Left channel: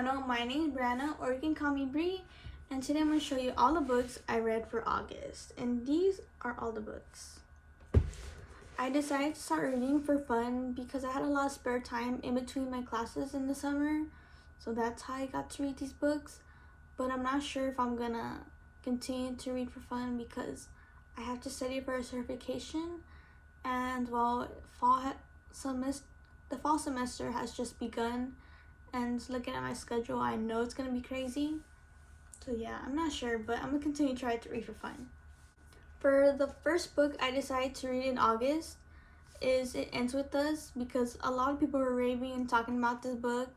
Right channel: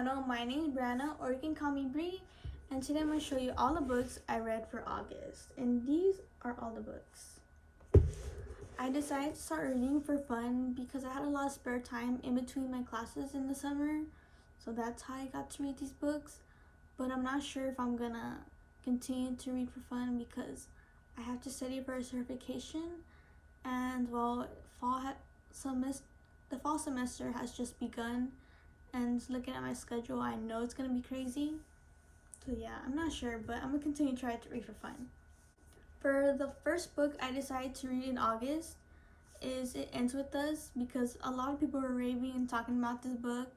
channel. My name is Brianna, or you can call me Bree, and today I'm going to show you all the books I read for August, and these are all the books. I decided to start reading for fun because I had a lot of spare time in between my classes in the summer, so that's how I got to read these books. But I'm not sure if I'm gonna continue to read for fun because I have to study for a certification, and well, the fall semester has just begun, and looking at my schedule, I know it's gonna be crazy. So yeah, I'm not sure, but I'm gonna continue to try to read for fun. For the first book I decided to read in August is It Ends With Us, because a lot of people were raving and talking about this book,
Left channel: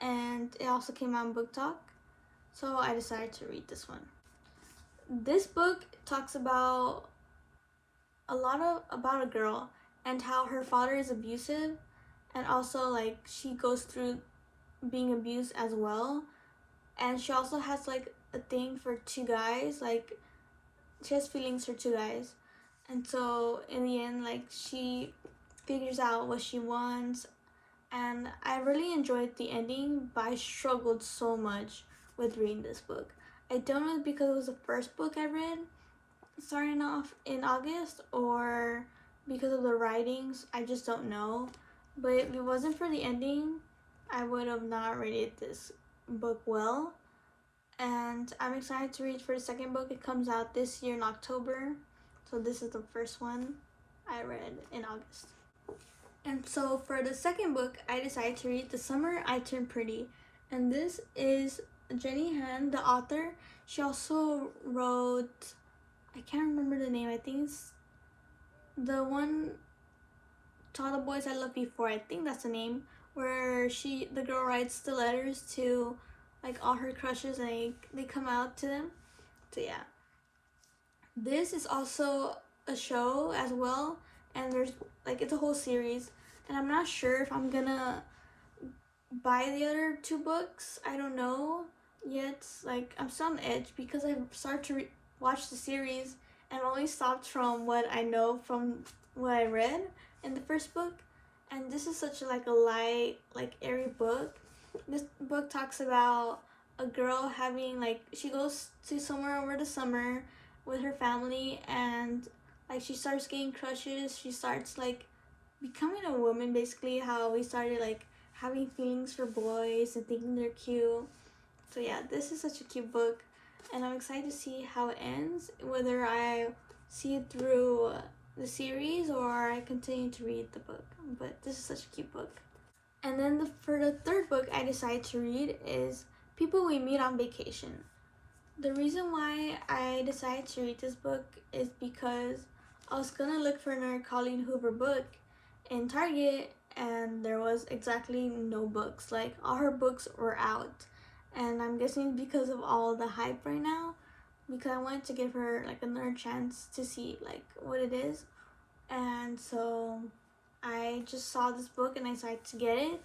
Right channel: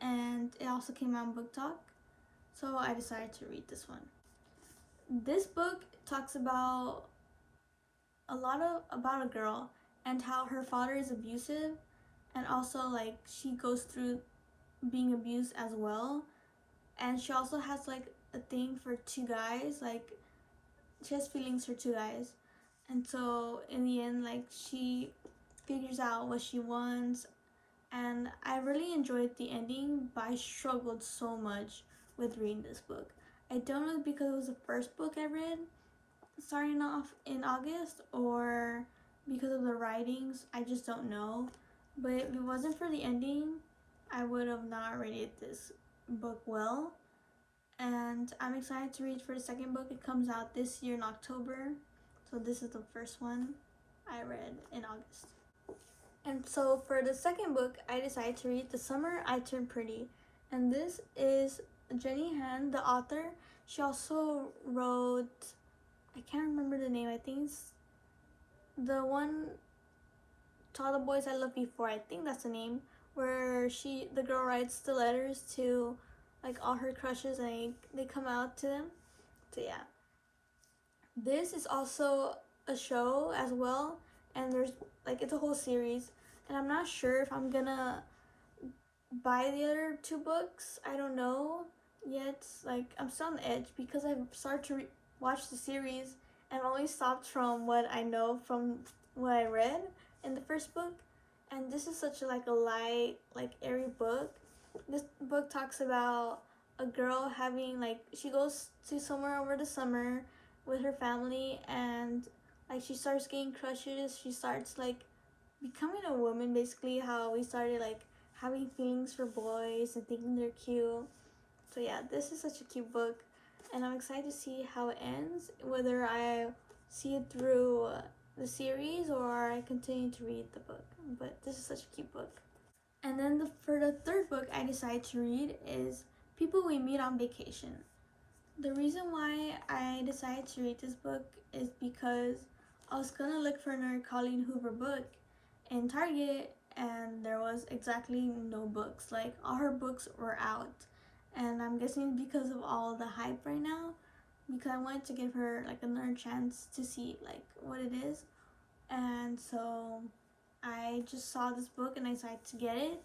and it also came out in Book Talk, so I decided to read this one. This book talks about about a girl and how her father is abusive, and also like she goes through being abused as well, and she also has like a thing for two guys, like she has feelings for two guys, and so in the end like she figures out what she wants. And I really enjoyed the ending, but I struggled so much with reading this book. I don't know if because it was the first book I read starting off in August or because of the writings, I just don't know. But if it wasn't for the ending, I would have not rated this book well. And I'm excited to read for the second book. It comes out this year in October, so this is the first one I read in August. And so for the second book, I decided to read The Summer I Turned Pretty, and this is Jenny Han, the author. She also wrote, I can't remember the name, I think it's the one, To All the Boys I Loved Before, I think that's the name, where the girl writes the letters to like all her crushes and they come out to them. So yeah, this is also a show as well, and there's like it's a whole series, and I'm not sure if I'm gonna buy the other two books. I don't know yet. Like I'm still on the edge because I started to watch the series and only stopped from what I know from what I read in the first book. And this is such a light, like airy book. This book talks about a girl having she goes to somewhere over the summer with her family, and like she starts getting crushes. She starts like becoming a woman, basically how we started like having feelings for boys and thinking they're cute. So yeah, this is such a cute book, and I'm excited to see how it ends, whether I see it through the series or I continue to read the book. But this is such a cute book. And then for the third book I decided to read is People We Meet on Vacation. The reason why I decided to read this book is because I was gonna look for another Colleen Hoover book in Target, and there was exactly no books. Like all her books were out, and I'm guessing it's because of all the hype right now, because I wanted to give her like another chance to see like what it is. And so I just saw this book and I decided to get it.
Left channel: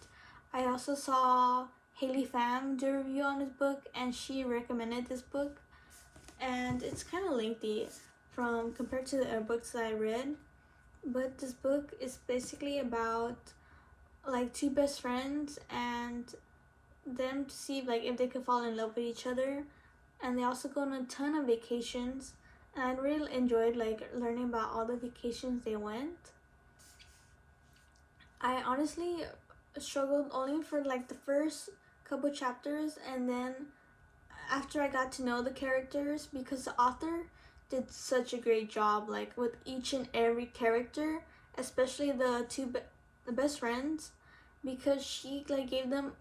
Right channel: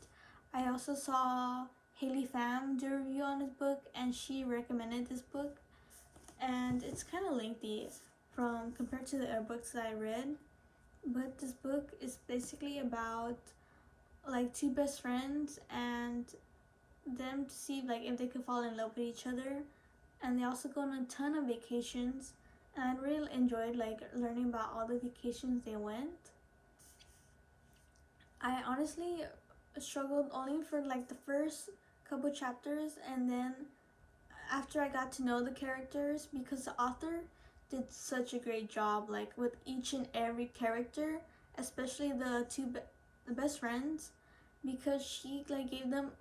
I also saw Haley Pham do a review on this book, and she recommended this book, and it's kind of lengthy compared to the other books that I read. But this book is basically about like two best friends and them to see like if they could fall in love with each other, and they also go on a ton of vacations, and I really enjoyed like learning about all the vacations they went. I honestly struggled only for like the first couple chapters, and then after I got to know the characters, because the author did such a great job like with each and every character, especially the best friends, because she like gave them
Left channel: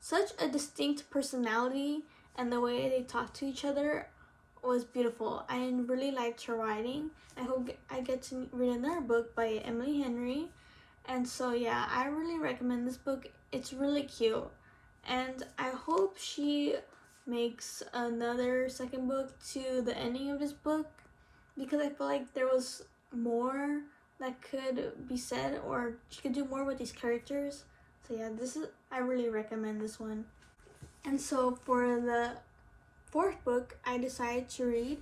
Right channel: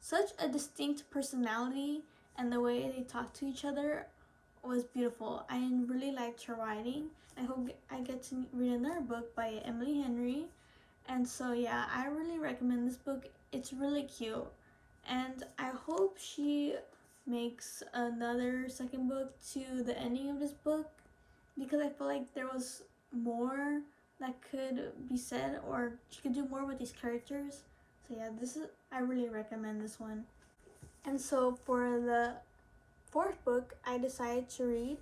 such a distinct personality, and the way they talk to each other was beautiful. I really liked her writing. I hope I get to read another book by Emily Henry. And so yeah, I really recommend this book. It's really cute, and I hope she makes another second book to the ending of this book, because I feel like there was more that could be said, or she could do more with these characters. So yeah, I really recommend this one. And so for the fourth book I decided to read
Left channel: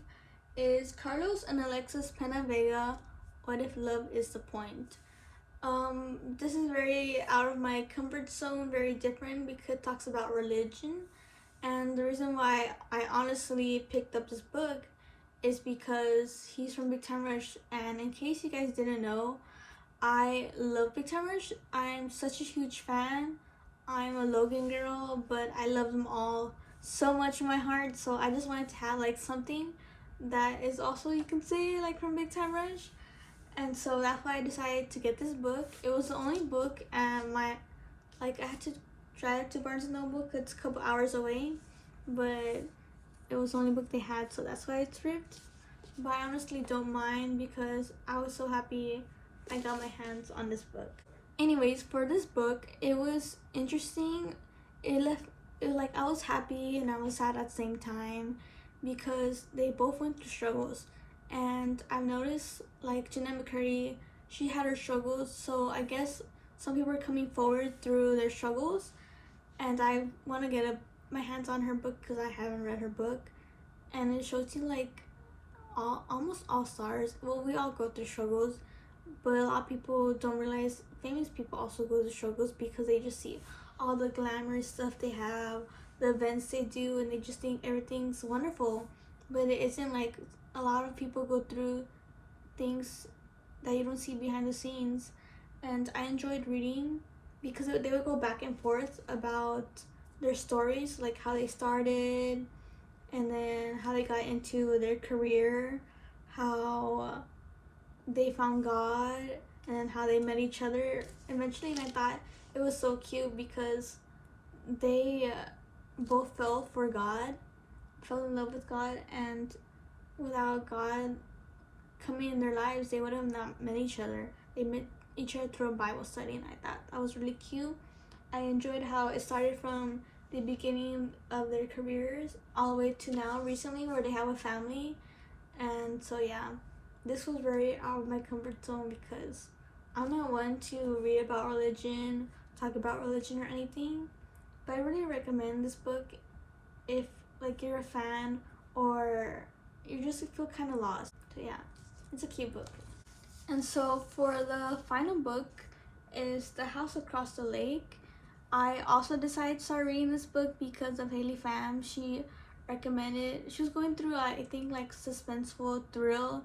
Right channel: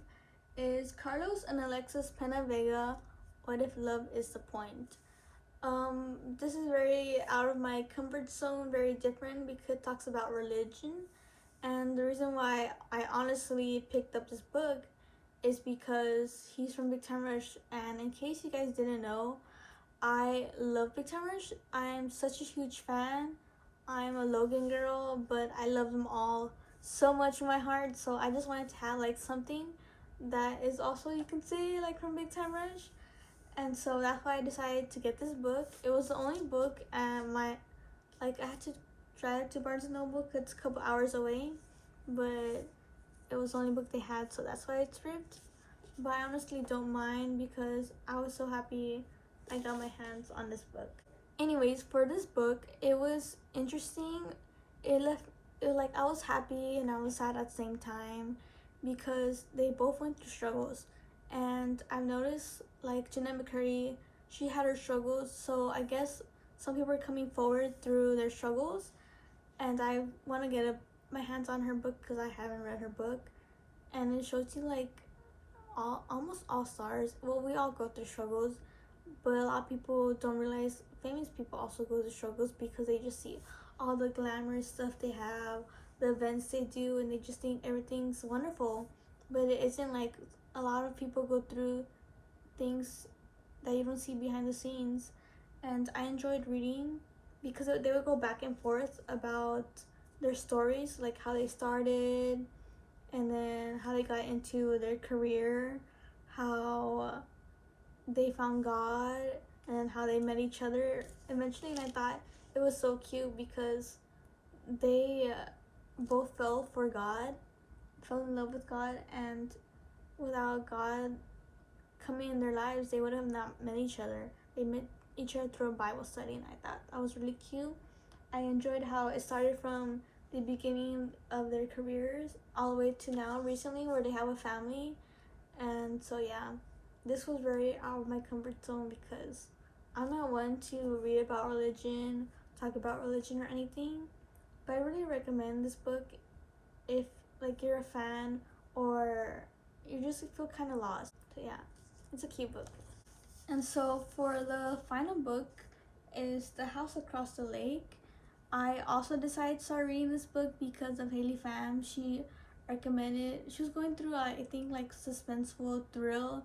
is Carlos and Alexis Pena Vega, What If Love Is the Point? This is very out of my comfort zone, very different because it talks about religion. And the reason why I honestly picked up this book is because he's from Big Time Rush. And in case you guys didn't know, I love Big Time Rush. I'm such a huge fan. I'm a Logan girl, but I love them all so much in my heart. So I just wanted to have like something that is also, you can say, like from Big Time Rush. And so that's why I decided to get this book. It was the only book at my, like, I had to drive to Barnes and Noble because it's a couple hours away, but it was the only book they had, so that's why it's ripped. But I honestly don't mind because I was so happy I got my hands on this book. Anyways, for this book, it was interesting. Like, I was happy and I was sad at the same time because they both went through struggles. And I've noticed, like, Jeanette McCurdy, she had her struggles, so I guess some people are coming forward through their struggles. And I want to get my hands on her book because I haven't read her book. And it shows you, like, almost all stars. Well, we all go through struggles, but a lot of people don't realize famous people also go through struggles because they just see all the glamorous stuff they have, the events they do, and they just think everything's wonderful. But it isn't. Like, a lot of people go through things that you don't see behind the scenes. And I enjoyed reading because they would go back and forth about their stories, like how they started and then how they got into their career, how they found God, and then how they met each other eventually. And I thought it was so cute because they both fell for God, fell in love with God, and without God coming in their lives, they would have not met each other. They met each other through a Bible study, and I thought that was really cute. I enjoyed how it started from the beginning of their careers all the way to now, recently, where they have a family. And so, yeah, this was very out of my comfort zone because I'm not one to read about religion, talk about religion or anything. But I really recommend this book if, like, you're a fan or you just feel kind of lost. So, yeah, it's a cute book. And so for the final book is The House Across the Lake. I also decided to start reading this book because of Haley Pham. She recommended, she was going through, I think, like, suspenseful thrill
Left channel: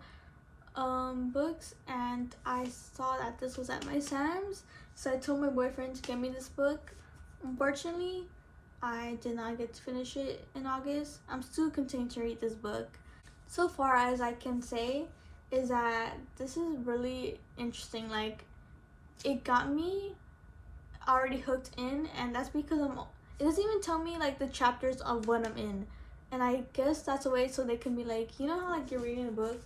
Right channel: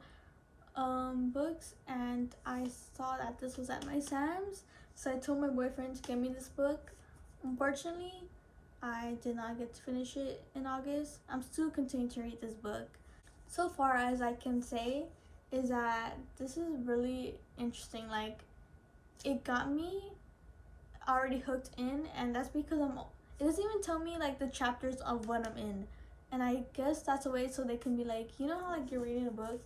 books, and I saw that this was at my Sam's, so I told my boyfriend to get me this book. Unfortunately, I did not get to finish it in August. I'm still continuing to read this book. So far as I can say is that this is really interesting. Like, it got me already hooked in, and that's because it doesn't even tell me like the chapters of what I'm in, and I guess that's a way so they can be like, you know how like you're reading a book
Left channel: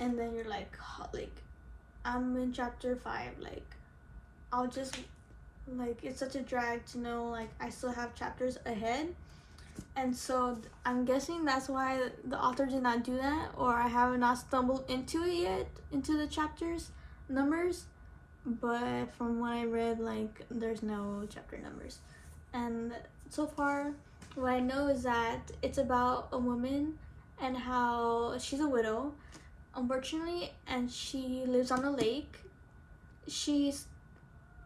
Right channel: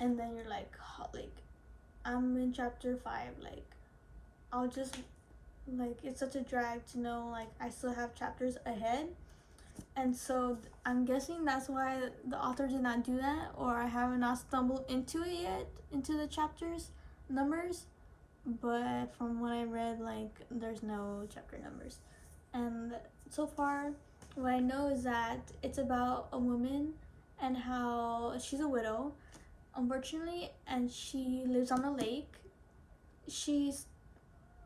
and then you're like, oh, like, I'm in chapter 5, like, I'll just, like, it's such a drag to know like I still have chapters ahead. And so I'm guessing that's why the author did not do that, or I have not stumbled into it yet, into the chapters numbers. But from what I read, like, there's no chapter numbers. And so far, what I know is that it's about a woman and how she's a widow, unfortunately, and she lives on a lake. She's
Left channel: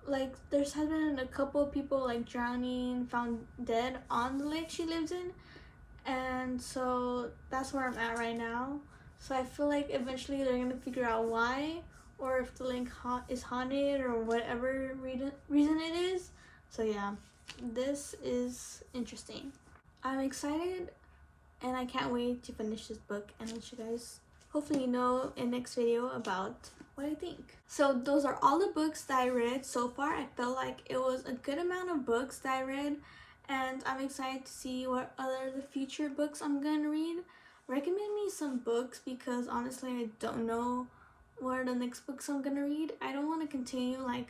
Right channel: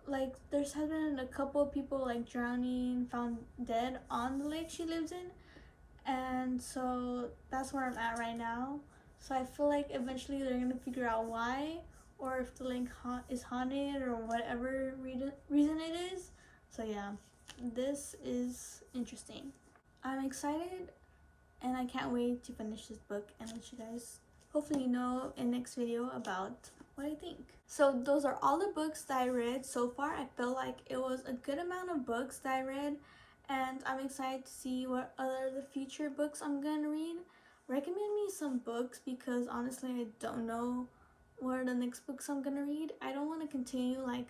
like, there's has been a couple of people like drowning, found dead on the lake she lives in, and so that's where I'm at right now. So I feel like eventually they're gonna figure out why, or if the lake is haunted or whatever reason it is. So yeah, this is interesting. I'm excited and I can't wait to finish this book and let you guys hopefully know in next video about what I think. So those are all the books that I read so far. I felt like it was a good amount of books that I read, and I'm excited to see what other the future books I'm gonna read. Recommend me some books because honestly I don't know what are the next books I'm gonna read. I don't want to continue like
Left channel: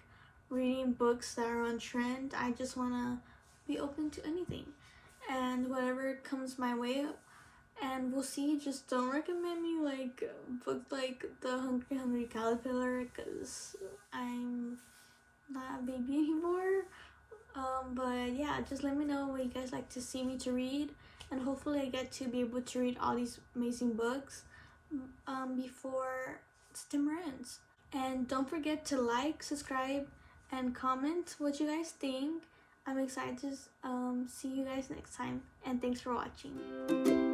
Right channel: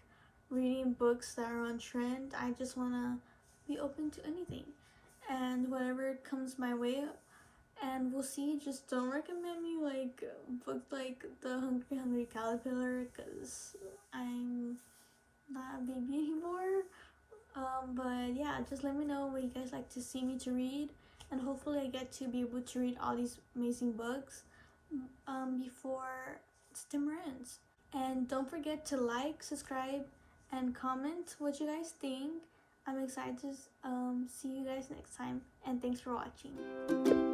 reading books that are on trend. I just want to be open to anything and whatever comes my way, and we'll see. Just don't recommend me like books like The Hungry Caterpillar because I'm not a baby anymore. But yeah, just let me know what you guys like to see me to read, and hopefully I get to be able to read all these amazing books before September ends. And don't forget to like, subscribe, and comment what you guys think. I'm excited to see you guys next time, and thanks for watching.